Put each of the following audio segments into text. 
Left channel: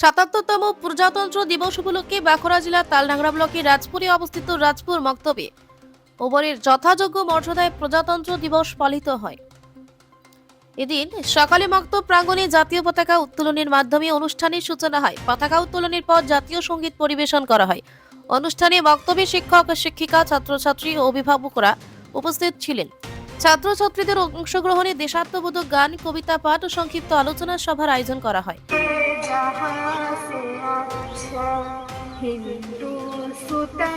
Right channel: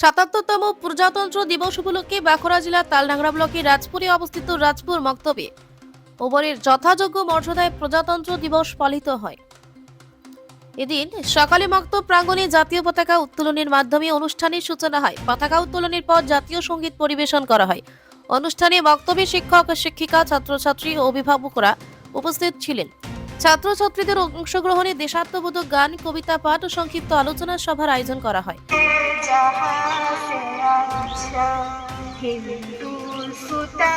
সাতাত্তরতম প্রজাতন্ত্র দিবস উপলক্ষে বাঁকুড়া জেলার তালডাংরা ব্লকের রাজপুরে অবস্থিত রাজপুর মক্তবে ওবরের যথাযোগ্য মর্যাদায় প্রজাতন্ত্র দিবস পালিত হয়। এদিন সকালে মক্তব প্রাঙ্গণে জাতীয় পতাকা উত্তোলনের মাধ্যমে অনুষ্ঠানের সূচনা হয়। পতাকা উত্তোলনের পর জাতীয় সংগীত পরিবেশন করা হয়। অনুষ্ঠানে বক্তব্যে শিক্ষক, শিক্ষিকা, ছাত্রছাত্রী ও অভিভাবকরা উপস্থিত ছিলেন। ছাত্রছাত্রীদের অংশগ্রহণে দেশাত্মবোধক গান কবিতা পাঠ ও সংক্ষিপ্ত আলোচনা সভার আয়োজন করা হয় जहाँ से अच्छा हिंदू सुता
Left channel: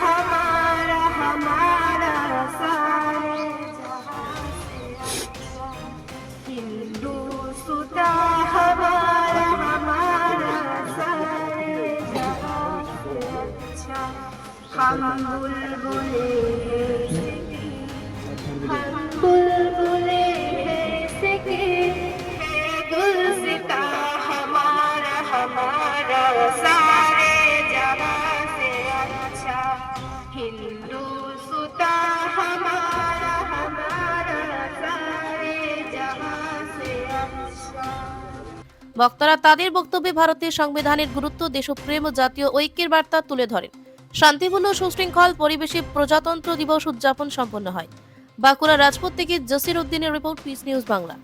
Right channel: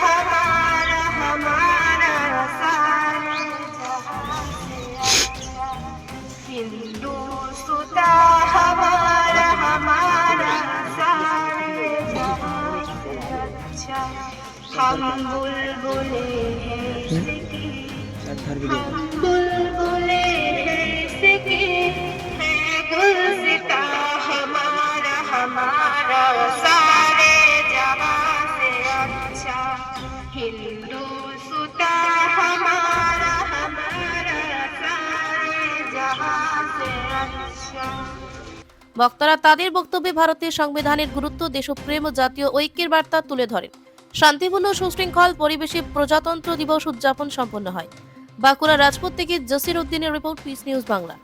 हमारा हमारा सारा जहाँ से अच्छा हिंदू सुता हमारा हमारा सारे जहाँ से अच्छा हम बुलबुले বক্তারা তাদের বক্তব্যে ভারতের সংবিধানের গুরুত্ব, দেশপ্রেম ও জাতীয় ঐক্যের বার্তা তুলে ধরেন। শান্তিপূর্ণ সুশৃঙ্খল পরিবেশে প্রজাতন্ত্র দিবস উদযাপন সম্পন্ন হয়। বাঁকুড়া রাজপথ থেকে জসির উদ্দিনের রিপোর্ট, পিস নিউজ বাংলা।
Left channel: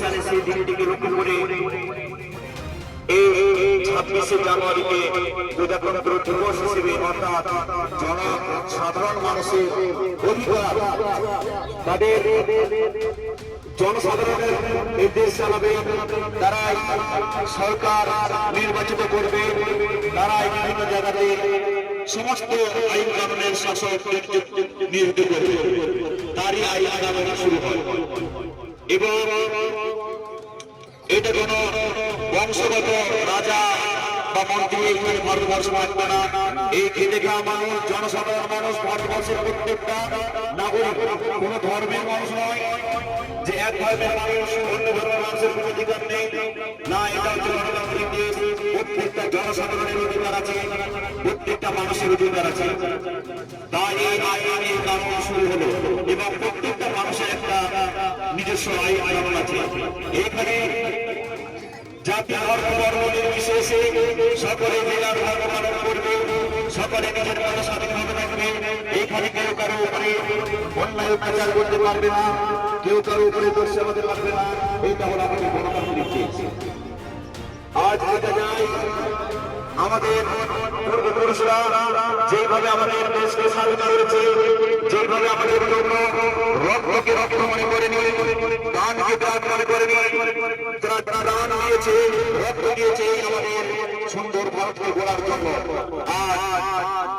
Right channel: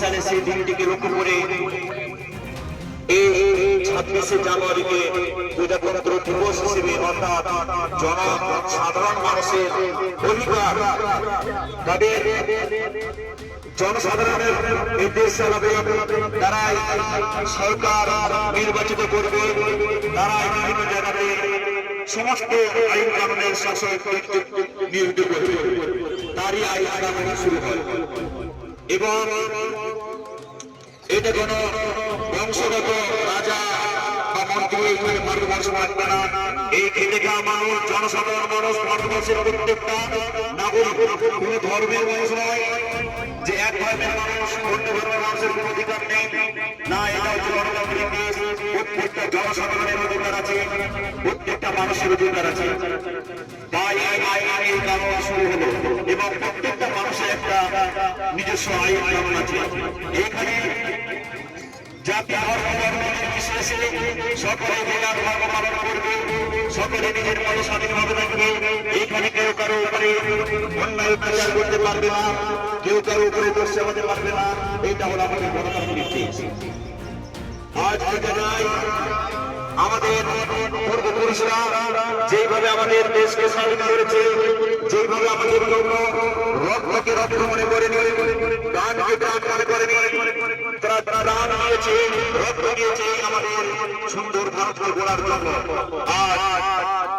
সালে সেই দিনটিকে করে এই ছাব্বিশে জনসাধারণ মানুষের অধিকার তাদের জনসাধারণের নির্দেশ চালাবে তারাই সরকার নির্বাচিত করবে। তারাই বিভিন্ন জায়গাতে সমস্ত আইন কানুনের শাসক তারই আইন কানুন শুরু হয়। এবং এটা কোনো বংশগত রাজা বা মন্ত্রী ভারতবর্ষ মানবে না এই খেটে খাওয়া মানুষ, জনসাধারণ মানুষ ভারতবর্ষের প্রত্যেকটা নাগরিক কোনো ধর্মের মানুষ নয়। যে এক ধর্মের মানুষ, অন্য ধর্মের মানুষের কোনো অধিকার নেই। না এটা হচ্ছে গণতান্ত্রিক দেশ প্রত্যেকটা জনসাধারণের অধিকার আছে, প্রত্যেকটা মানুষের অধিকার আছে। তাই এই আইন এই কারণ শুরু হলো, এবং প্রত্যেকটা মানুষের একটা নিজস্ব আইন কানুন আছে। এখানে জাতি ধর্ম, বর্ণ, নির্বিশেষে সকলে জেলার ধর্ম পালন করবে, সকলে নিজের মতো স্বাধীনভাবে কারও কারও আমাদের গণতান্ত্রিক দেশ। আজ দেখা যায়, আমাদের যেভাবে আমাদের দেশকে স্বাধীন করেছে, যেভাবে আমাদের রক্তকে রক্ত মনে করেনি, প্রাণকে প্রাণ মনে করেনি, যারা রক্ত দিয়েছে আমাদের সুন্দর ভারতকে গড়ার জন্য।